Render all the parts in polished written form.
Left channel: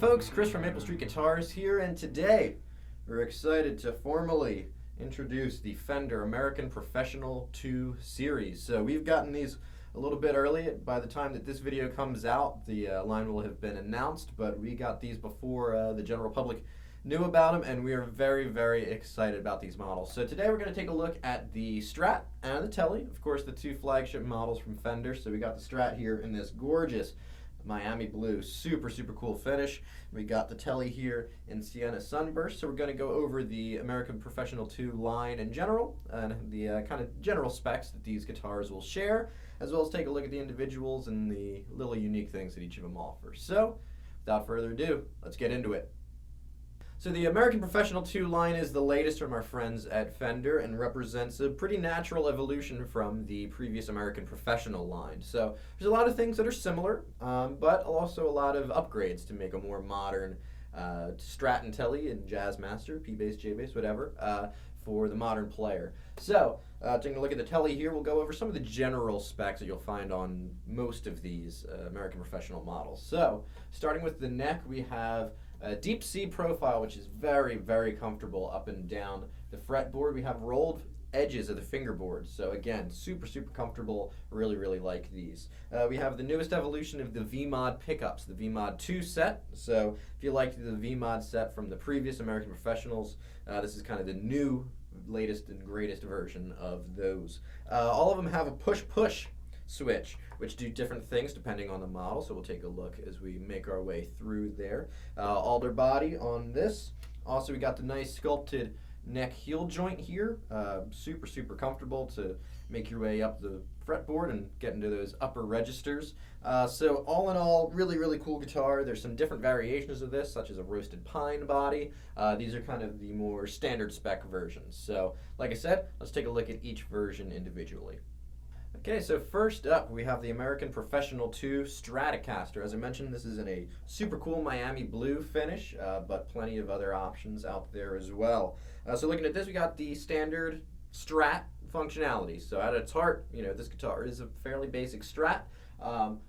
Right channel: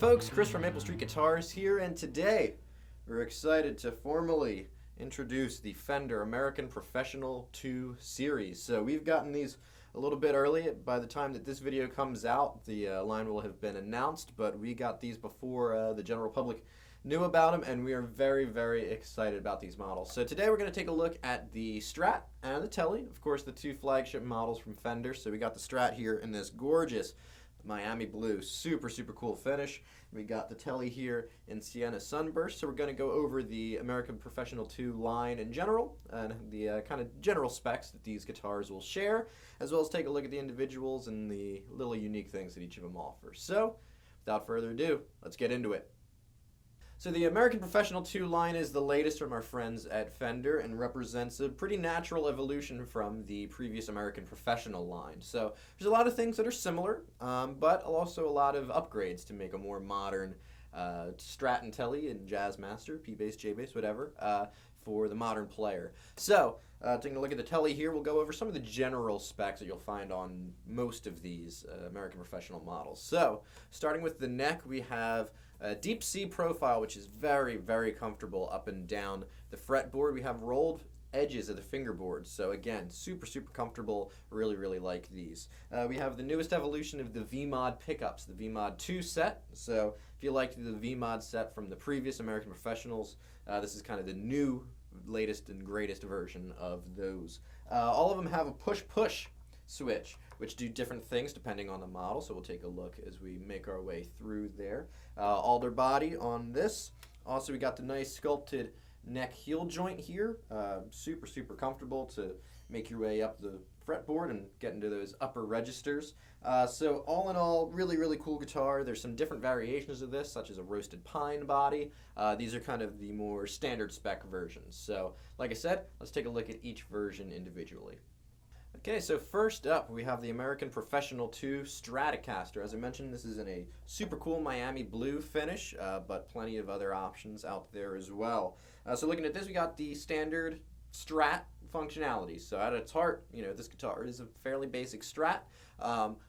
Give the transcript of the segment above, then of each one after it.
Alright folks, Chris from Maple Street Guitars here, and today we're excited to formally introduce the Fender American Professional 2 series. So we've gotten these a little bit early. By the time that this video comes out, the line will have been announced, but we got these before the general public knew about them, and we are very, very excited about these models. So today we're going to take a look at the Strat and the Tele, of course the two flagship models from Fender. So we got the Strat here in this gorgeous Miami blue, super cool finish. We got the Tele here in Sienna Sunburst. So we're going to go over the American Professional 2 line in general and the kind of general specs that these guitars will share, as well as take a look at the individuals and the little unique things that each of them offer. So without further ado, let's get into it. So the American Professional 2 line is the latest from our friends at Fender and represents a pretty natural evolution from the previous American Professional line. So there's a lot of things that are similar, but also a lot of upgrades to make a more modern Strat and Tele and Jazzmaster, P-Bass, J-Bass, whatever, for the modern player. So taking a look at the Tele here, we'll go over some of the general specs that you'll find on most of these American Professional models. So starting with the neck, we have a deep C profile, which is very comfortable up and down the fretboard. We have rolled edges of the fingerboard, so again, super comfortable. Really like these. We have the newest evolution of the V-Mod pickups, the V-Mod 2 set. So if you liked the V-Mod set from the previous American Professionals, this is kind of the new, latest and greatest version of those. All of them have a push-push switch, which do different things depending on the model, so we'll take a look as we make our way through there. Alder body on this. Also, we got the nice sculpted neck heel joint here. Super comfortable to make your way up the fretboard and get into those upper registers. So all in all, really cool guitar. There's some different variations of this, such as a roasted pine body. These are kind of the more standard spec versions. So like I said, let's take a look at each version individually. Okay, so first up we have the American Professional 2 Stratocaster. As I mentioned, this is in a super cool Miami blue finish, but plenty of other options out there as well. So looking at this, we got the standard Strat functionality. So at its heart, you know, this guitar is a fairly basic Strat.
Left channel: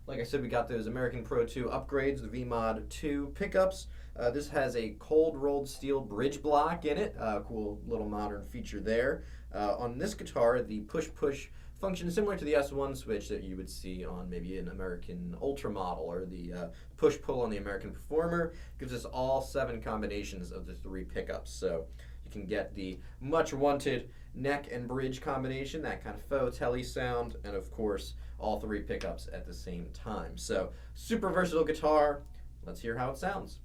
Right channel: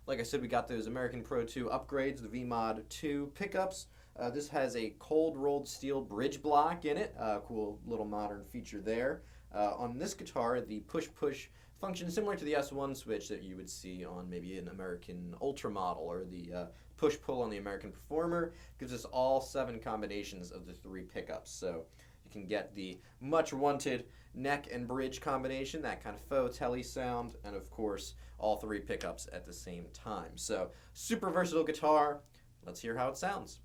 Like I said, we got those American Pro 2 upgrades, the V-Mod 2 pickups. This has a cold rolled steel bridge block in it. Cool little modern feature there. On this guitar, the push-push function similar to the S1 switch that you would see on maybe an American Ultra model, or the push-pull on the American Performer. Gives us all 7 combinations of the 3 pickups. So you can get the much wanted neck and bridge combination, that kind of faux Tele sound, and of course all 3 pickups at the same time. So super versatile guitar. Let's hear how it sounds.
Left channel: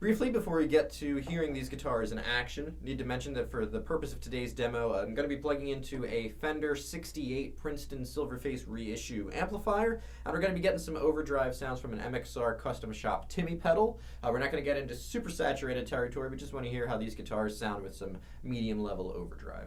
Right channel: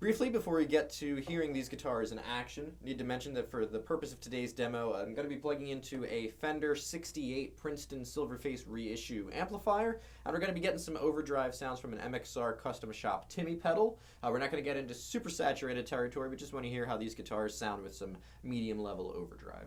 Briefly, before we get to hearing these guitars in action, I need to mention that for the purpose of today's demo, I'm going to be plugging into a Fender 68 Princeton Silverface reissue amplifier, and we're going to be getting some overdrive sounds from an MXR Custom Shop Timmy pedal. We're not going to get into super saturated territory, but just want to hear how these guitars sound with some medium level overdrive.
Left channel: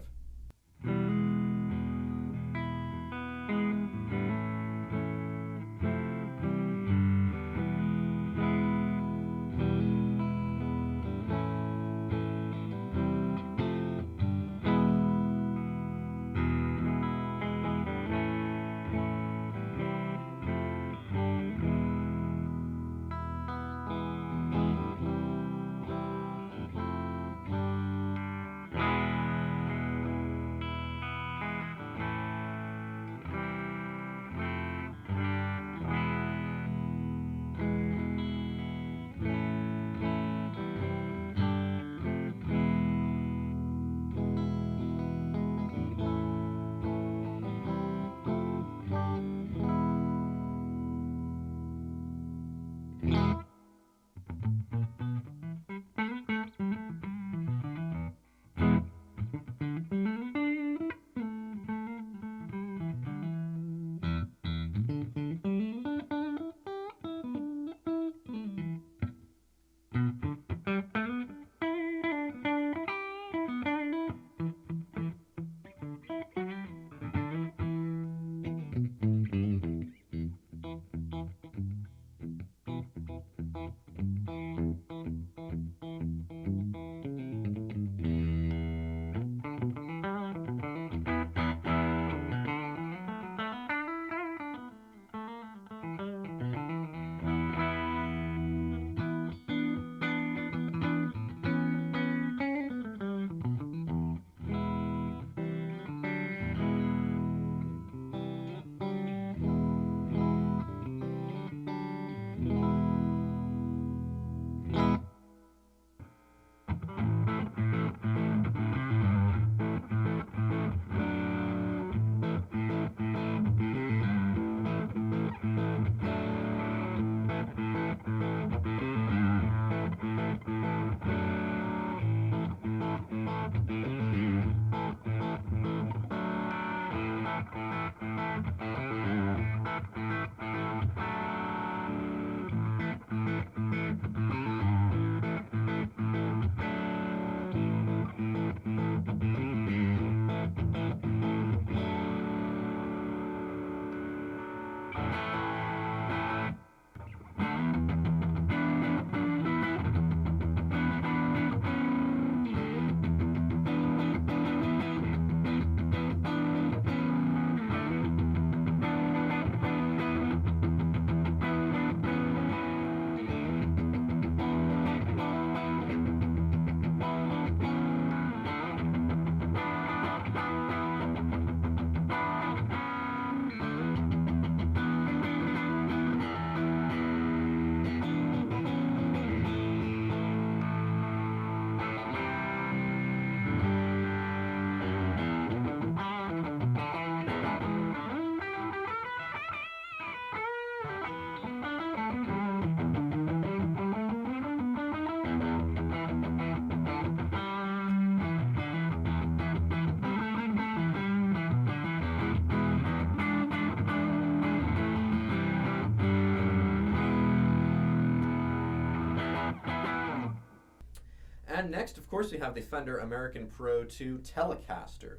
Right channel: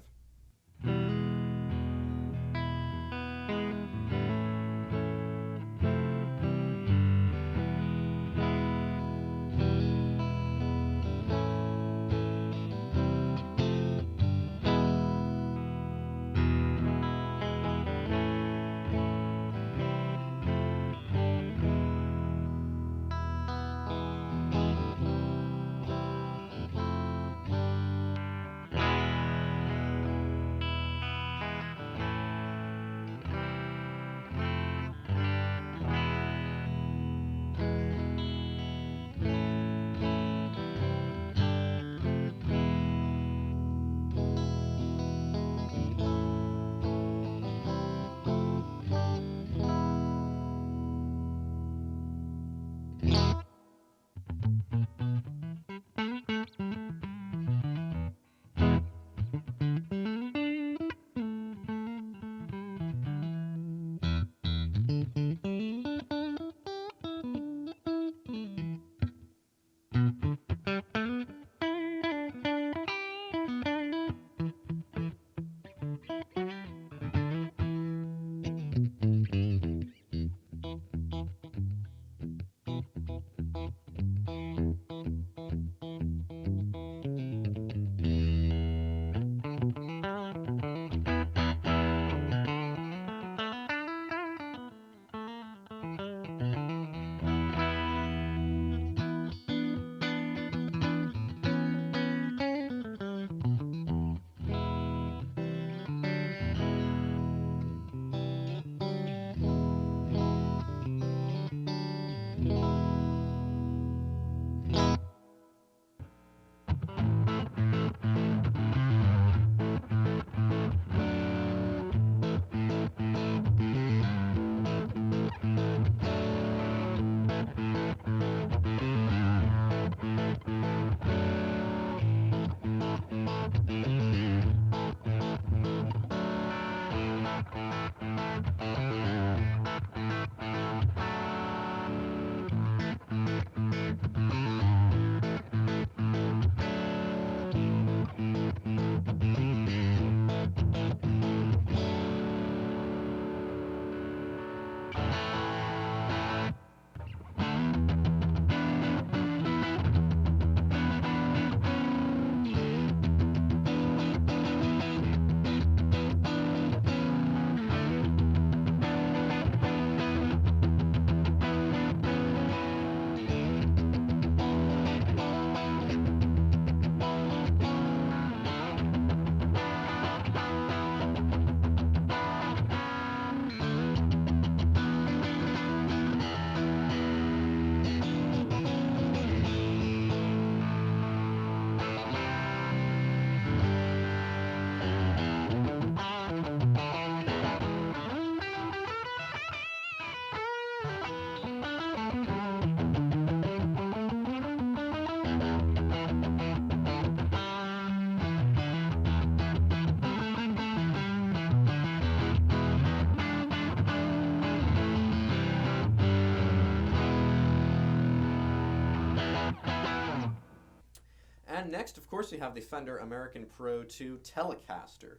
And next, of course, we have the Fender American Pro 2 Telecaster.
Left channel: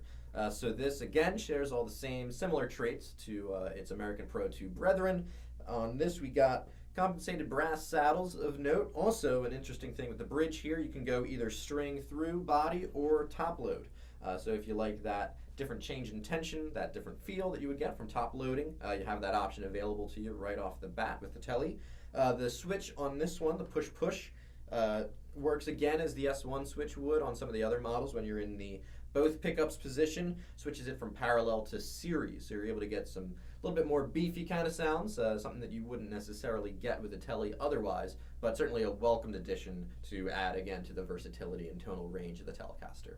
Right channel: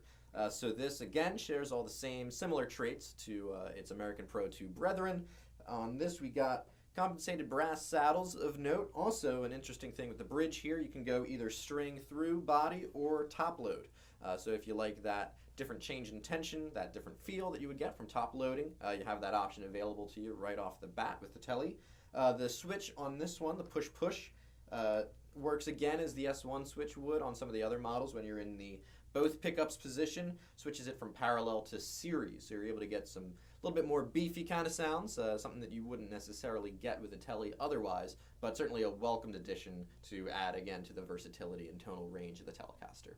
So this, again, shares all the same similar traits to its American Pro 2 brethren. On this, we got compensated brass saddles of note. Also, an interesting thing with the bridge here, you can go either string through body or top load. So if you like that different change in tension, that different feel that you would get from top loading, you have that option available to you right off the bat with the Tele. The switch on this one, the push-push, works again as the S1 switch would on some of the other models when you're in the both pickups position, switches it from parallel to series, so you're able to get some little bit more beefy kind of sounds, something that you wouldn't necessarily get with a Tele otherwise, but certainly a welcomed addition to add again to the versatility and tonal range of the Telecaster.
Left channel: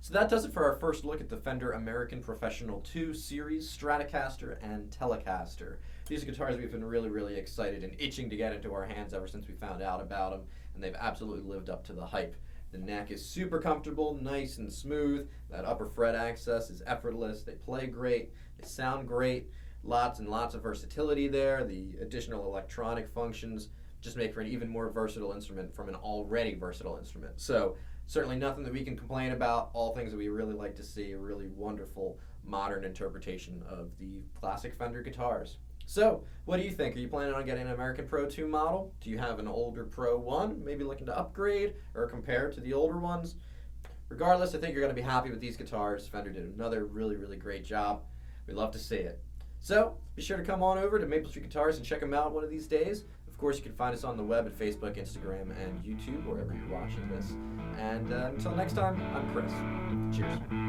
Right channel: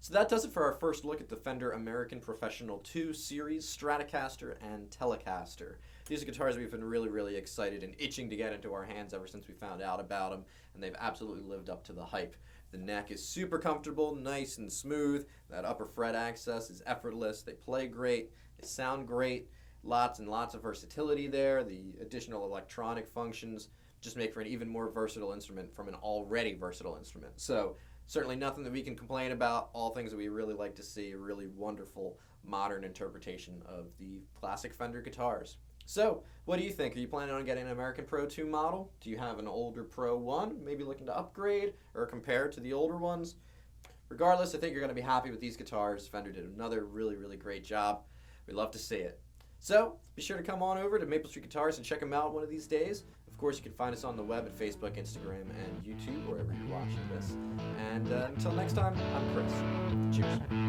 So that does it for our first look at the Fender American Professional 2 Series, Stratocaster, and Telecaster. These are guitars we've been really excited and itching to get into our hands ever since we found out about them, and they've absolutely lived up to the hype. The neck is super comfortable, nice and smooth. That upper fret access is effortless. They play great. They sound great. Lots and lots of versatility there. The additional electronic functions just make for an even more versatile instrument from an already versatile instrument. So certainly nothing that we can complain about. All things that we really like to see. A really wonderful modern interpretation of the classic Fender guitars. So, what do you think? Are you planning on getting an American Pro 2 model? Do you have an older Pro 1, maybe looking to upgrade or compare to the older ones? Regardless, I think you're going to be happy with these guitars. Fender did another really great job. We love to see it. So, be sure to come on over to Maple Street Guitars and check them out one of these days. Of course, you can find us on the web at Facebook, Instagram, and YouTube, wherever you're watching this. And until next time, I'm Chris. Cheers.